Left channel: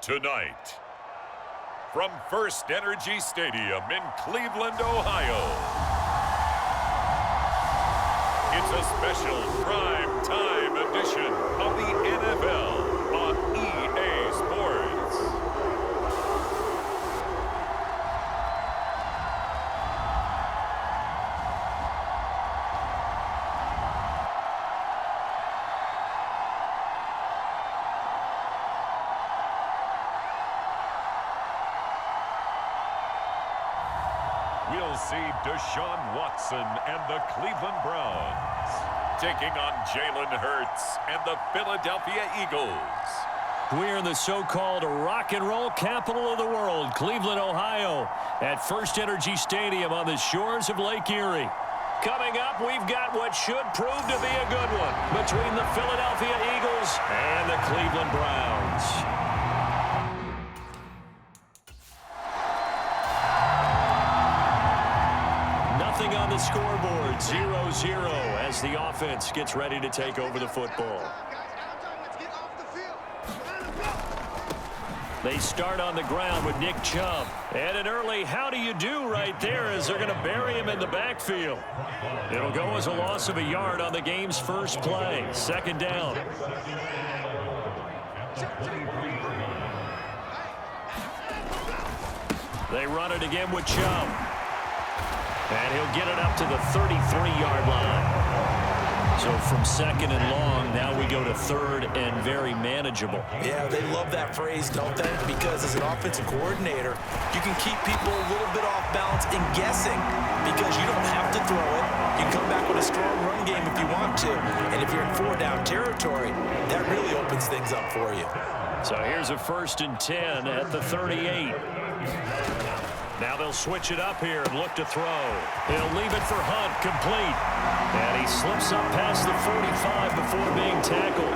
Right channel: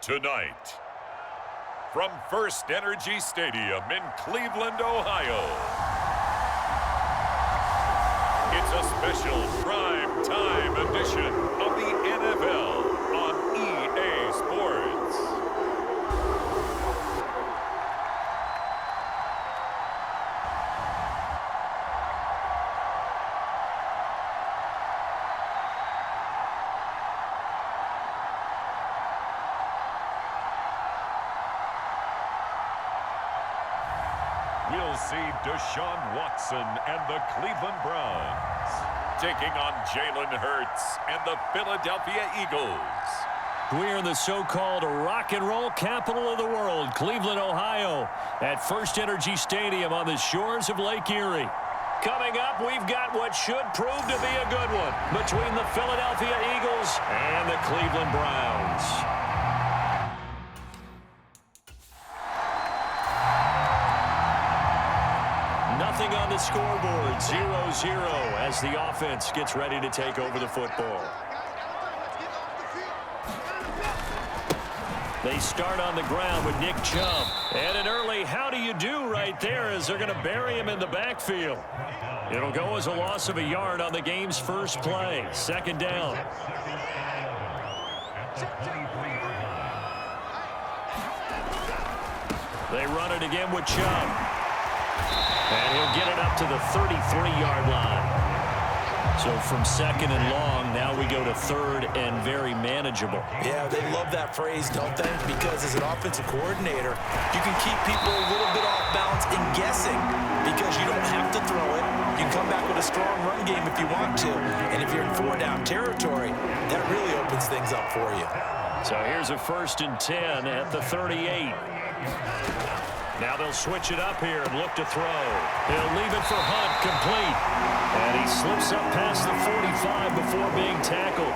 Tonight, from First Energy Stadium in Cleveland, Ohio, it's a special prime time edition of the NFL on EA Sports. We'll see Deshaun Watson and the Cleveland Browns taking on Jalen Hurts and the Philadelphia Eagles. We're in the so-called rock and roll capital of the world, Cleveland, Ohio, at First Energy Stadium on the shores of Lake Erie. Coming up, we've got what should prove to be a good one between the Philadelphia Eagles and the Cleveland Browns. Nothing on the scoreboard, 0-0 as the offense gets ready to take over the football. They start on the ground with Nick Chubb. And an early how do you do right there as they're going to bury him in the backfield. It'll go as a loss of a yard on the game's first play. Second down. They run it again with Chubb. And he'll get it up to the 33-yard line. So from second and long, now we go to third and very manageable. Yeah, they love that phrase, don't they? Because as an offensive coordinator, you can keep people a little bit off balance and guessing because you don't have to throw it. You can come back with a strong run game if you want to. And if you're in four-down territory, that really opens things up for you. So here's a 1st and 10 at the 38. Now they'll switch it up here and look to throw. He'll leave it for Hunt, complete. And he slips up past the 45 before being tackled.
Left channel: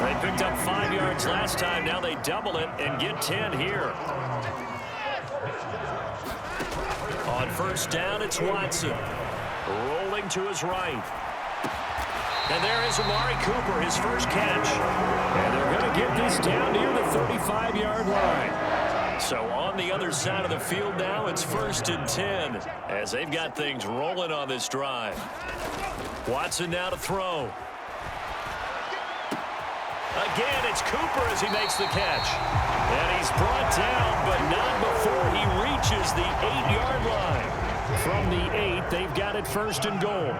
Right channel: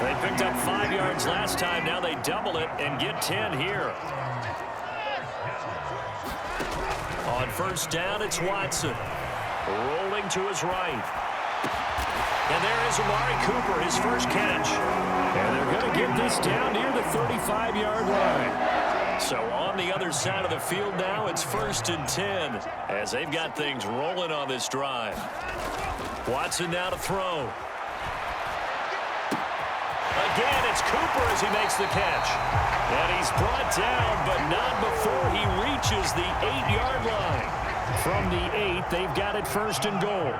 They picked up 5 yards last time. Now they double it and get 10 here. On first down, it's Watson. Rolling to his right. And there is Amari Cooper, his first catch. And they're going to get this down near the 35-yard line. So on the other side of the field now, it's 1st and 10 as they've got things rolling on this drive. Watson now to throw. Again, it's Cooper as he makes the catch. And he's brought down, but not before he reaches the 8-yard line. From the 8, they've got it 1st and goal.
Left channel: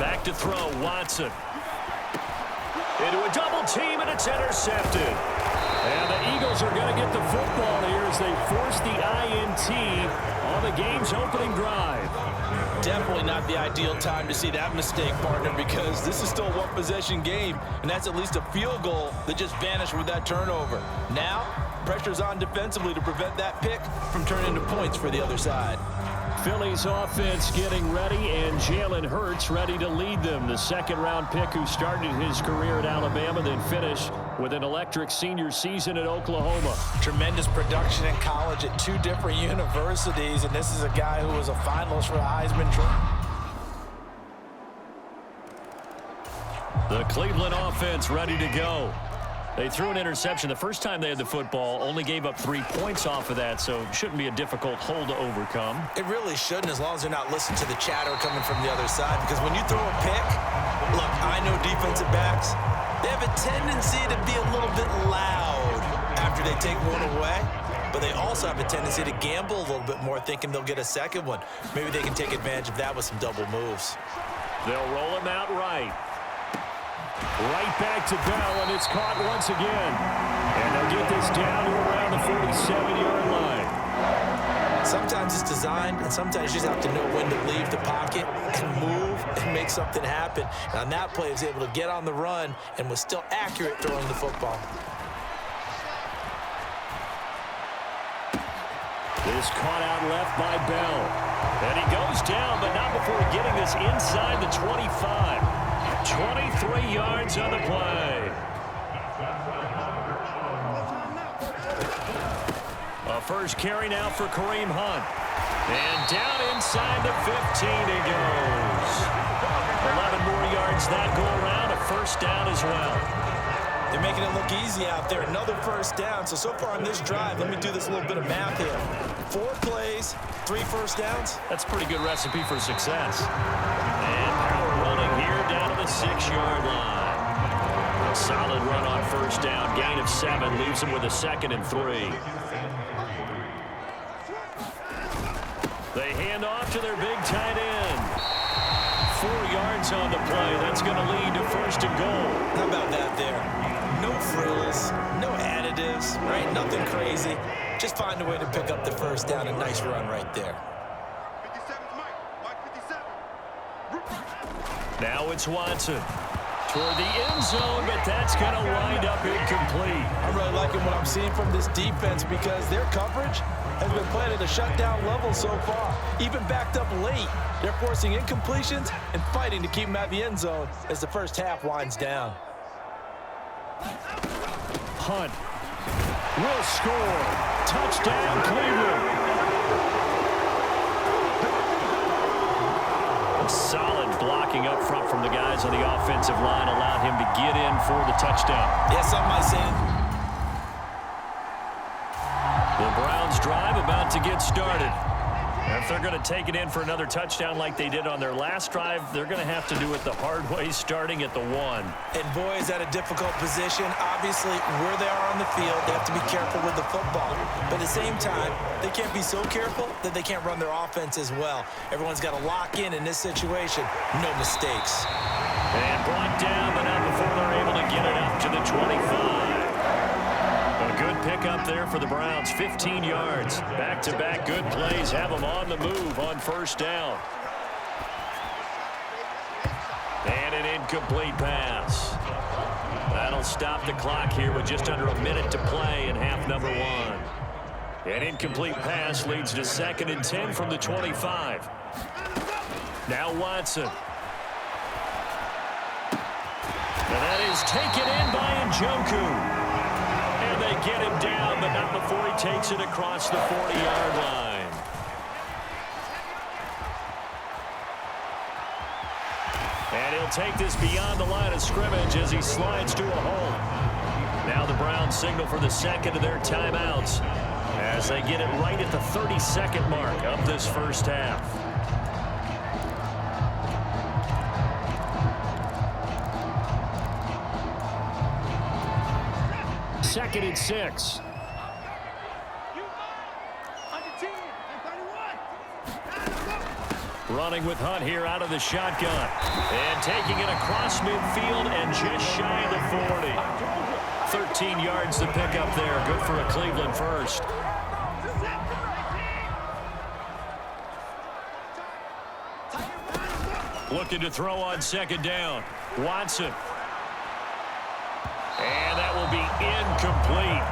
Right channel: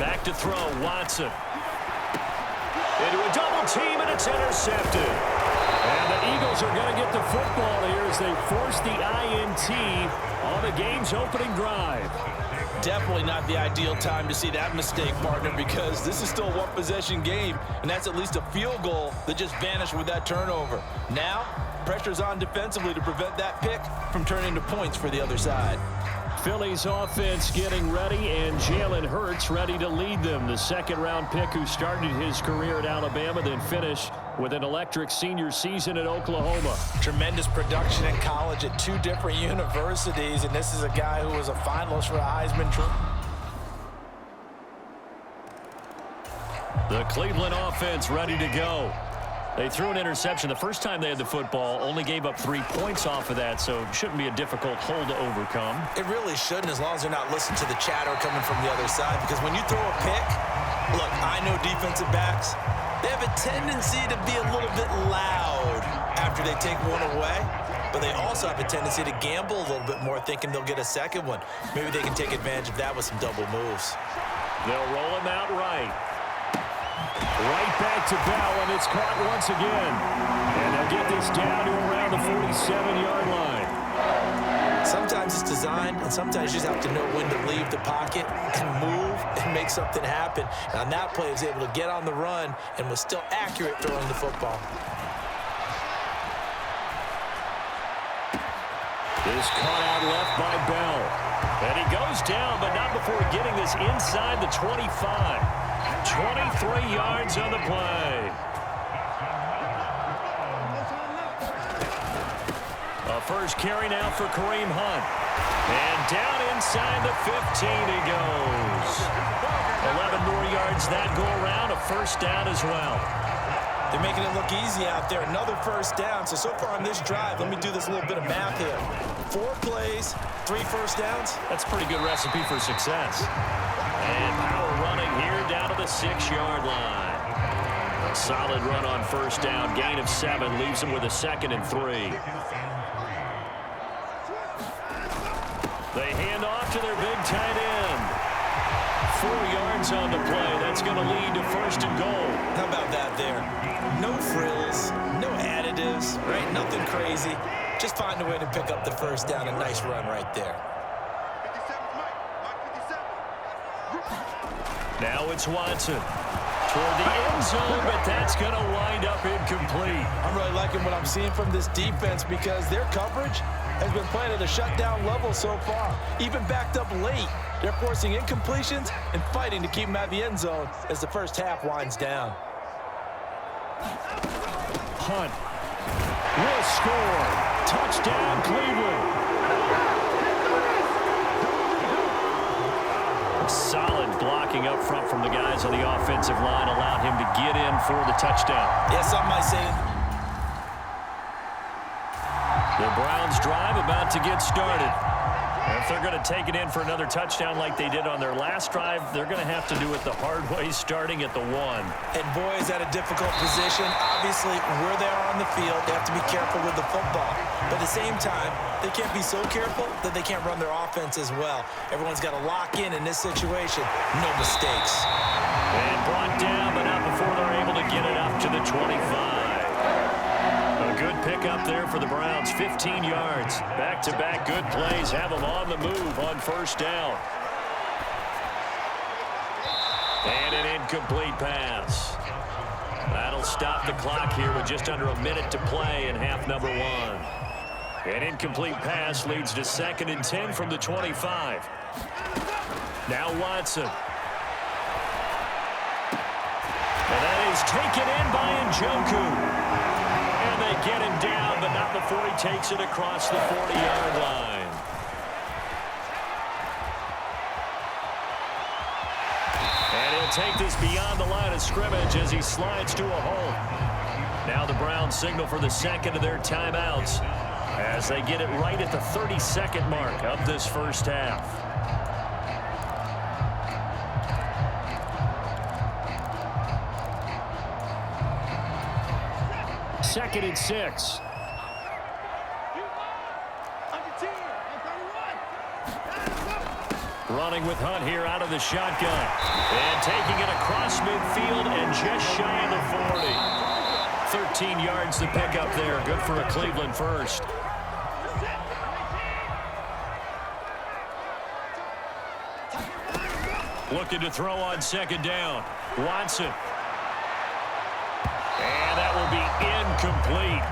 Back to throw, Watson. Into a double team, and it's intercepted. And the Eagles are going to get the football here as they force the INT on the game's opening drive. Definitely not the ideal time to see that mistake, partner, because this is still a one-possession game, and that's at least a field goal that just vanished with that turnover. Now, pressure's on defensively to prevent that pick from turning into points for the other side. Philly's offense getting ready, and Jalen Hurts ready to lead them. The second-round pick who started his career at Alabama, then finished with an electric senior season at Oklahoma. Tremendous production in college at 2 different universities, and this is a guy who was a finalist for a Heisman Trophy. The Cleveland offense ready to go. They threw an interception the first time they had the football, only gave up 3 points off of that, so it shouldn't be a difficult hole to overcome. It really shouldn't, as long as they're not listening to the chatter coming from the other side, because when you throw a pick, look, I know defensive backs, they have a tendency to be a little bit loud after they take one away, but they also have a tendency to gamble a little bit more, thinking they'll get a second one. Maybe they can take advantage of that with some double moves. They'll roll him out right. Right back to Bell, and it's caught once again. And they'll get this down to around the 47-yard line. Sometimes it's designed, and sometimes you just have to know when to leave the pocket and move and make something happen. And on that play, he was able to get on the run and was still accurate throwing the football. This caught out left by Bell. And he goes down, but not before getting this inside the 25. 23 yards on the play. A first carry now for Kareem Hunt. And down inside the 15 he goes. 11 more yards that go around, a first down as well. They're making it look easy out there. Another first down. So far on this drive, let me do this little bit of math here. 4 plays, 3 first downs. That's a pretty good recipe for success. And power running here down to the 6-yard line. A solid run on first down. Gain of 7 leaves him with a 2nd and 3. They hand off to their big tight end. 4 yards on the play. That's going to lead to 1st and goal. How about that there? No frills, no additives, right? Nothing crazy. Just find a way to pick up the first down. A nice run right there. 57's Mike 57. Now it's Watson. Toward the end zone, but that's going to wind up incomplete. I'm really liking what I'm seeing from this defense because their coverage has been playing at a shutdown level so far. Even backed up late, they're forcing incompletions and fighting to keep them at the end zone as the first half winds down. Hunt will score. Touchdown, Cleveland. Solid blocking up front from the guys on the offensive line allowed him to get in for the touchdown. Yeah, something might say it. The Browns drive about to get started. And if they're going to take it in for another touchdown like they did on their last drive, they're going to have to do it the hard way, starting at the 1. And boy, is that a difficult position. Obviously, where they are on the field, they have to be careful with the football. But at the same time, they can't be so careful that they can't run their offense as well. Everyone's got to lock in this situation. No mistakes. And brought down, but not before they're able to get it up to the 25. A good pickup there for the Browns, 15 yards. Back-to-back good plays have them on the move on first down. And an incomplete pass. That'll stop the clock here with just under a minute to play in half number 1. An incomplete pass leads to 2nd and 10 from the 25. Now Watson. And that is taken in by Njoku. And they get him down, but not before he takes it across the 40-yard line. And he'll take this beyond the line of scrimmage as he slides to a halt. Now the Browns signal for the 2nd of their timeouts as they get it right at the 30-second mark of this first half. Second and 6. Running with Hunt here out of the shotgun. And taking it across midfield and just shy of the 40. 13 yards to pick up there. Good for a Cleveland first. Looking to throw on 2nd down. Watson. And that will be incomplete.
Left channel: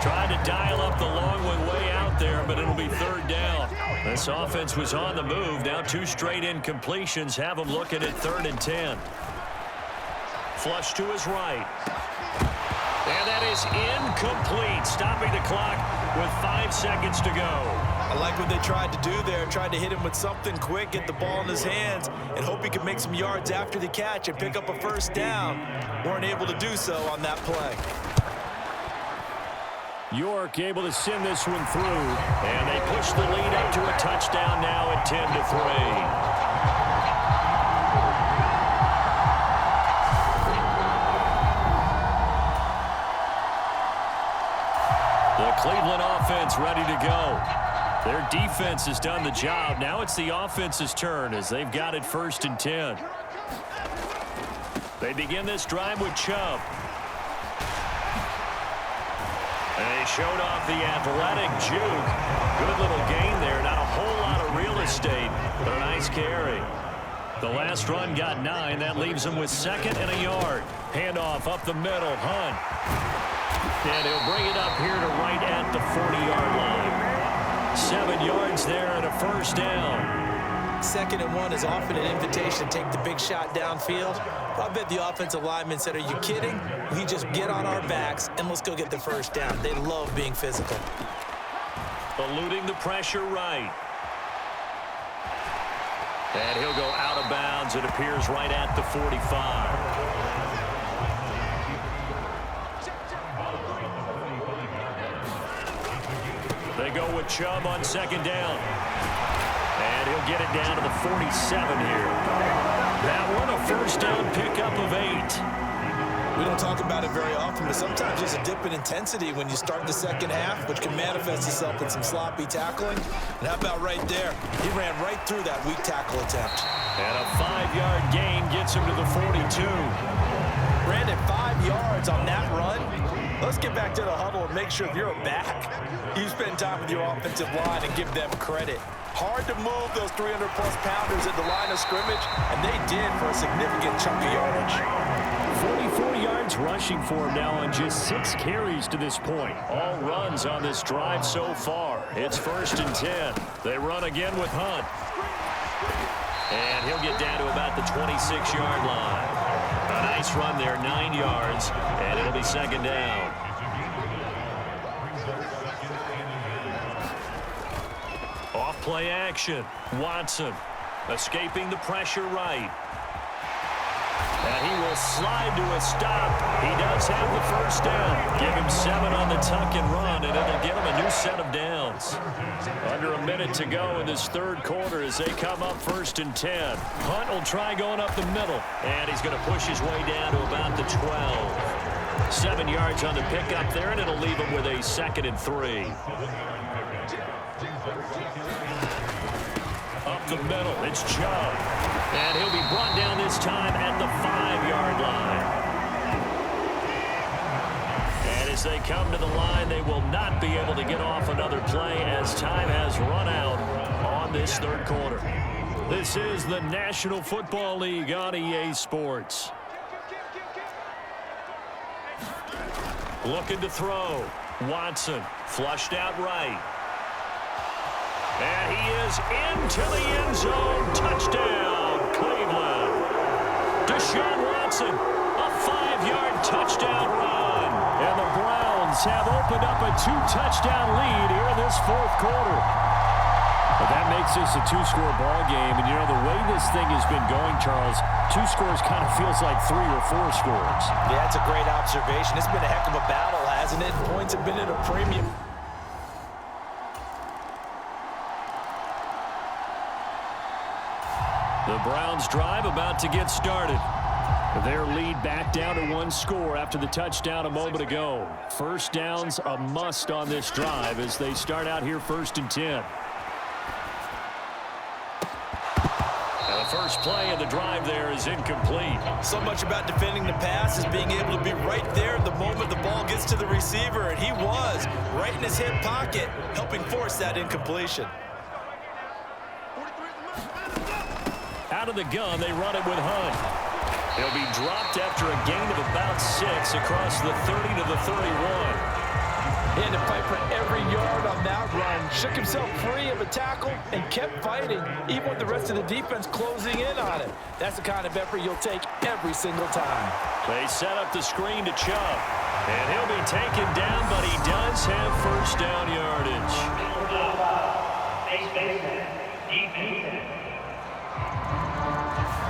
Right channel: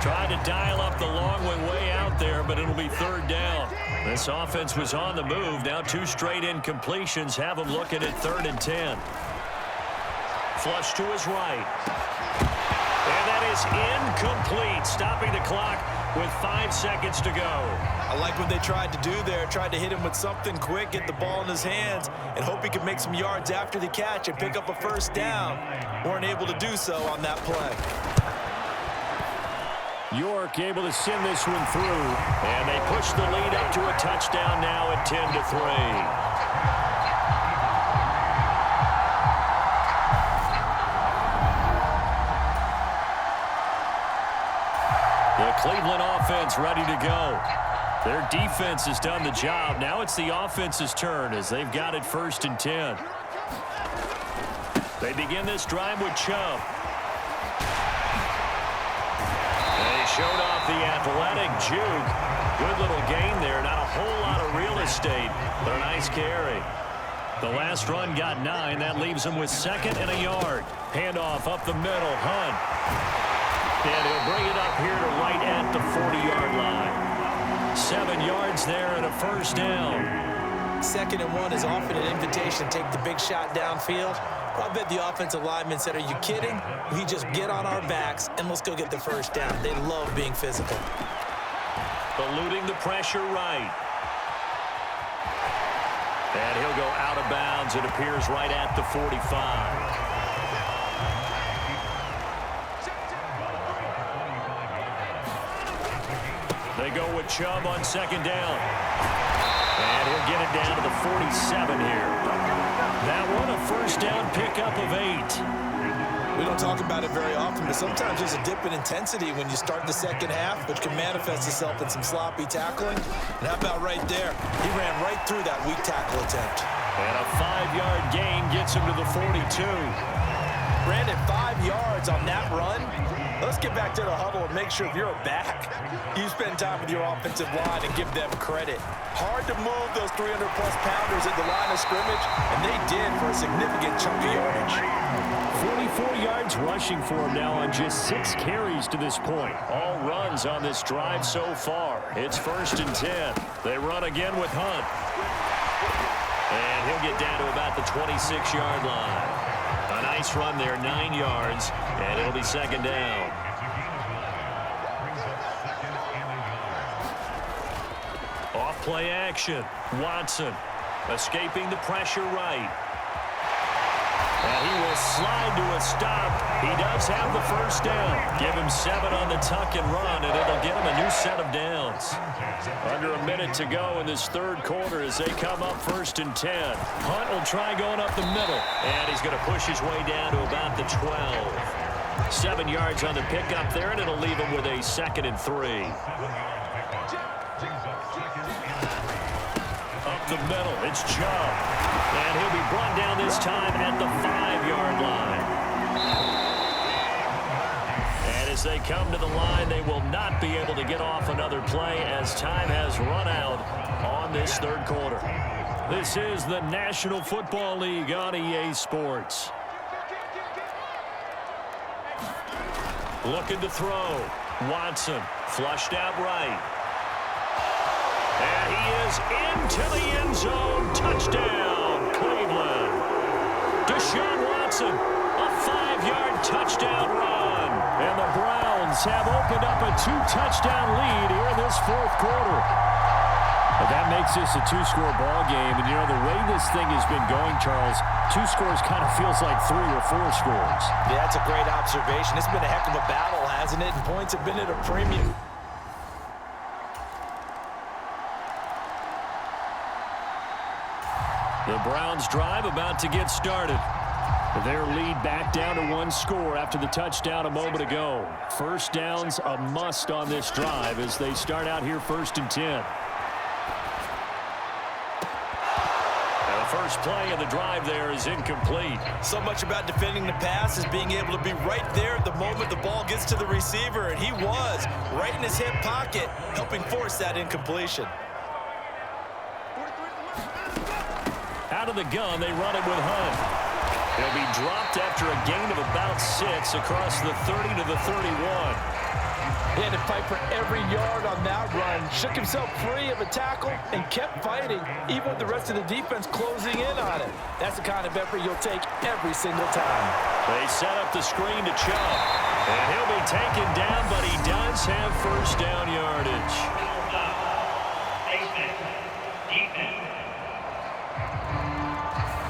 Tried to dial up the long one way out there, but it'll be 3rd down. This offense was on the move. Now 2 straight incompletions have them looking at 3rd and 10. Flush to his right. And that is incomplete, stopping the clock with 5 seconds to go. I like what they tried to do there. Tried to hit him with something quick, get the ball in his hands, and hope he could make some yards after the catch and pick up a first down. Weren't able to do so on that play. York able to send this one through, and they push the lead up to a touchdown now at 10-3. The Cleveland offense ready to go. Their defense has done the job. Now it's the offense's turn as they've got it 1st and 10. They begin this drive with Chubb. They showed off the athletic juke. Good little gain there. Not a whole lot of real estate, but a nice carry. The last run got 9. That leaves him with 2nd and a yard. Handoff up the middle. Hunt. And he'll bring it up here to right at the 40-yard line. 7 yards there and a first down. 2nd and 1 is often an invitation to take the big shot downfield. But I bet the offensive lineman said, are you kidding? We just get on our backs and let's go get the first down. They love being physical. Eluding the pressure right. And he'll go out of bounds. It appears right at the 45. They go with Chubb on 2nd down. And he'll get it down to the 47 here. That one a first down pickup of 8. We don't talk about it very often, but sometimes there's a dip in intensity when you start the second half, which can manifest itself in some sloppy tackling. And how about right there? He ran right through that weak tackle attempt. And a 5-yard gain gets him to the 42. Brandon, 5 yards on that run. Let's get back to the huddle and make sure if you're a back, you spend time with your offensive line and give them credit. Hard to move those 300-plus pounders at the line of scrimmage, and they did for a significant chunk of yardage. 44 yards rushing for him now on just 6 carries to this point. All runs on this drive so far. It's 1st and 10. They run again with Hunt. And he'll get down to about the 26-yard line. A nice run there, 9 yards, and it'll be 2nd down. Off play action. Watson escaping the pressure right. And he will slide to a stop. He does have the first down. Give him 7 on the tuck and run, and it'll get him a new set of downs. Under a minute to go in this 3rd quarter as they come up 1st and 10. Hunt will try going up the middle, and he's going to push his way down to about the 12. 7 yards on the pickup there, and it'll leave him with a 2nd and 3. Up the middle, it's Chubb. And he'll be brought down this time at the 5-yard line. And as they come to the line, they will not be able to get off another play as time has run out on this 3rd quarter. This is the National Football League on EA Sports. Looking to throw. Watson flushed out right. And he is into the end zone. Touchdown, Cleveland. Deshaun Watson, a 5-yard touchdown run. And the Browns have opened up a 2-touchdown lead here in this 4th quarter. But that makes this a 2-score ball game. And, you know, the way this thing has been going, Charles, 2 scores kind of feels like 3 or 4 scores. Yeah, that's a great observation. It's been a heck of a battle, hasn't it? And points have been at a premium. The Browns drive about to get started. Their lead back down to 1 score after the touchdown a moment ago. First downs a must on this drive as they start out here 1st and 10. And the first play of the drive there is incomplete. So much about defending the pass is being able to be right there at the moment the ball gets to the receiver, and he was right in his hip pocket, helping force that incompletion. Out of the gun, they run it with Hunt. He'll be dropped after a gain of about 6 across the 30 to the 31. He had to fight for every yard on that run. Shook himself free of a tackle and kept fighting, even with the rest of the defense closing in on him. That's the kind of effort you'll take every single time. They set up the screen to Chubb. And he'll be taken down, but he does have first down yardage.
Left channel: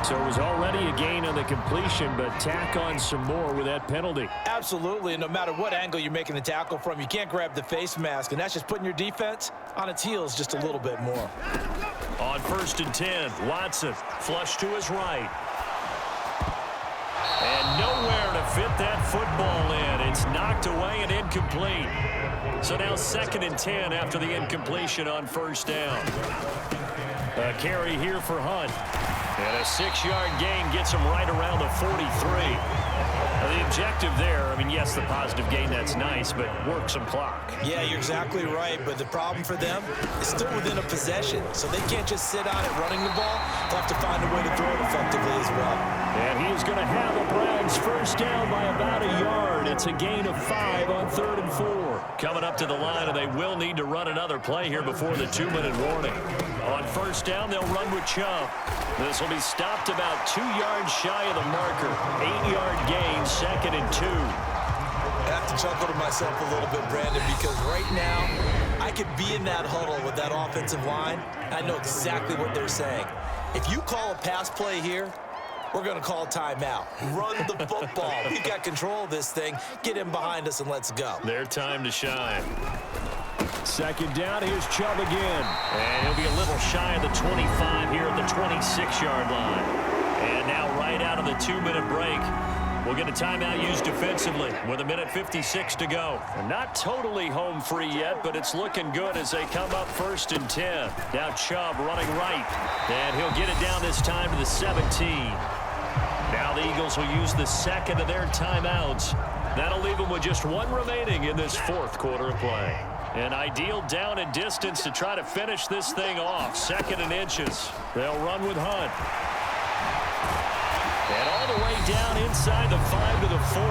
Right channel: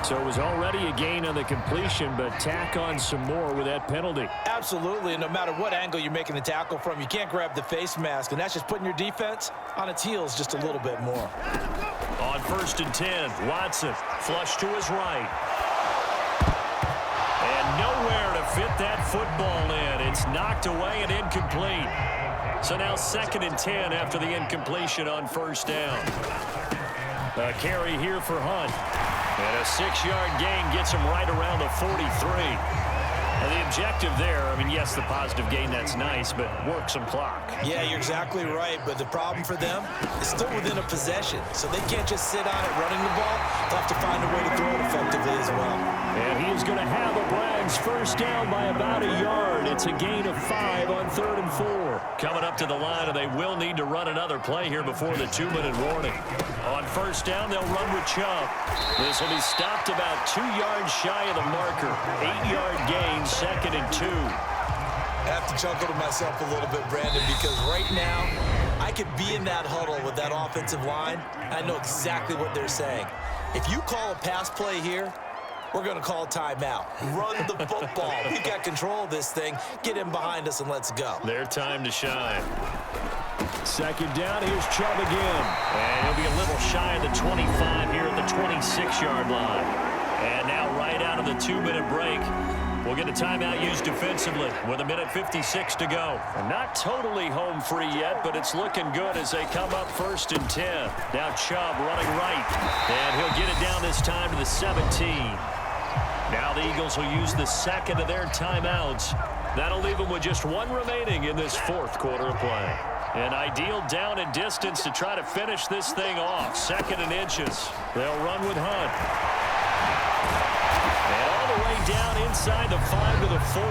So it was already a gain on the completion, but tack on some more with that penalty. Absolutely, and no matter what angle you're making the tackle from, you can't grab the face mask, and that's just putting your defense on its heels just a little bit more. On 1st and 10, Watson flush to his right. And nowhere to fit that football in. It's knocked away and incomplete. So now 2nd and 10 after the incompletion on 1st down. A carry here for Hunt. And a 6-yard gain gets him right around the 43. Now the objective there, I mean, yes, the positive gain, that's nice, but work some clock. Yeah, you're exactly right, but the problem for them is still within a possession, so they can't just sit on it running the ball. They'll have to find a way to throw it effectively as well. And he is going to have a Browns first down by about a yard. It's a gain of 5 on 3rd and 4. Coming up to the line, and they will need to run another play here before the 2-minute warning. On first down, they'll run with Chubb. This will be stopped about 2 yards shy of the marker. 8-yard gain, 2nd and 2. I have to chuckle to myself a little bit, Brandon, because right now I could be in that huddle with that offensive line, and I know exactly what they're saying. If you call a pass play here, we're going to call timeout. Run the football. We've got control of this thing. Get him behind us and let's go. Their time to shine. 2nd down, here's Chubb again. And he'll be a little shy of the 25 here at the 26-yard line. And now right out of the 2-minute break, we'll get a timeout used defensively with 1:56 to go. And not totally home free yet, but it's looking good as they come up 1st and 10. Now Chubb running right. And he'll get it down this time to the 17. Now the Eagles will use the 2nd of their timeouts. That'll leave them with just 1 remaining in this 4th quarter of play. An ideal down and distance to try to finish this thing off. 2nd and inches. They'll run with Hunt. And all the way down inside the 5 to the 4.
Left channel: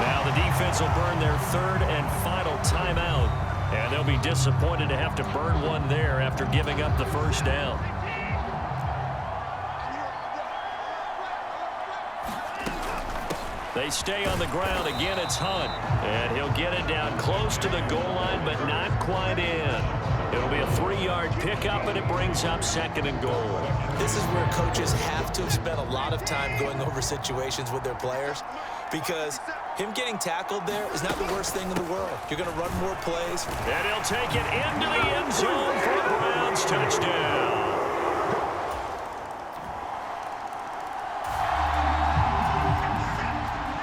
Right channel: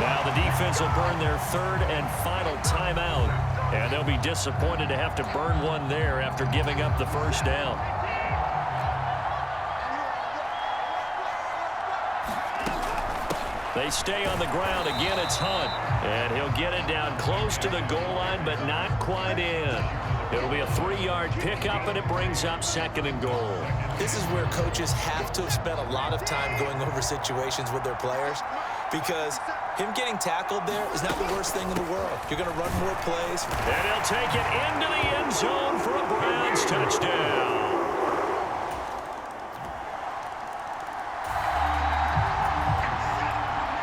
Now the defense will burn their 3rd and final timeout. And they'll be disappointed to have to burn one there after giving up the first down. They stay on the ground. Again, it's Hunt. And he'll get it down close to the goal line, but not quite in. It'll be a 3-yard pickup, and it brings up 2nd and goal. This is where coaches have to have spent a lot of time going over situations with their players, because him getting tackled there is not the worst thing in the world. You're going to run more plays. And he'll take it into the end zone for a Browns touchdown.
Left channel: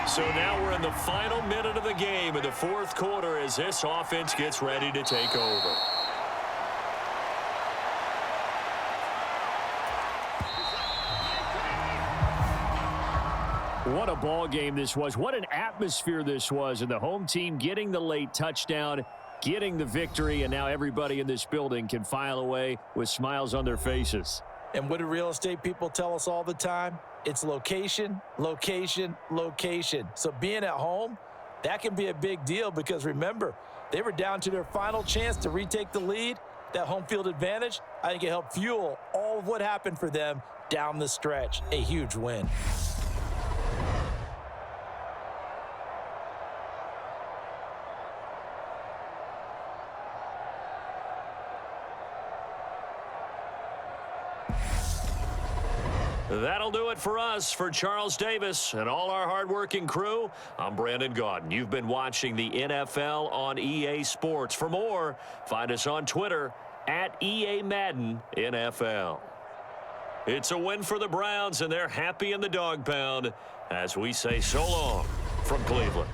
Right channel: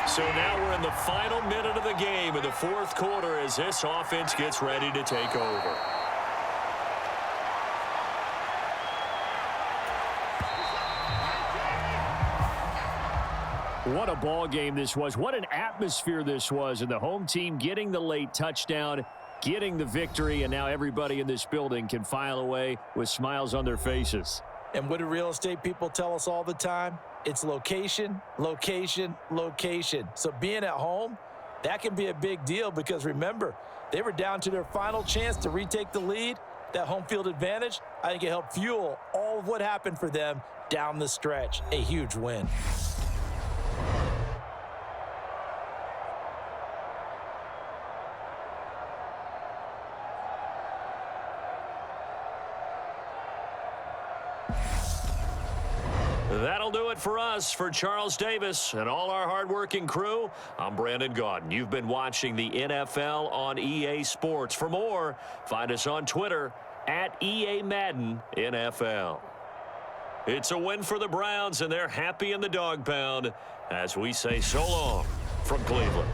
So now we're in the final minute of the game in the 4th quarter as this offense gets ready to take over. What a ball game this was. What an atmosphere this was. And the home team getting the late touchdown, getting the victory, and now everybody in this building can file away with smiles on their faces. And what do real estate people tell us all the time? It's location, location, location. So being at home, that can be a big deal because, remember, they were down to their final chance to retake the lead. That home field advantage, I think it helped fuel all of what happened for them down the stretch. A huge win. That'll do it for us. For Charles Davis and all our hardworking crew, I'm Brandon Gaudin. You've been watching the NFL on EA Sports. For more, find us on Twitter at EA Madden NFL. It's a win for the Browns, and they're happy in the dog pound as we say so long from Cleveland.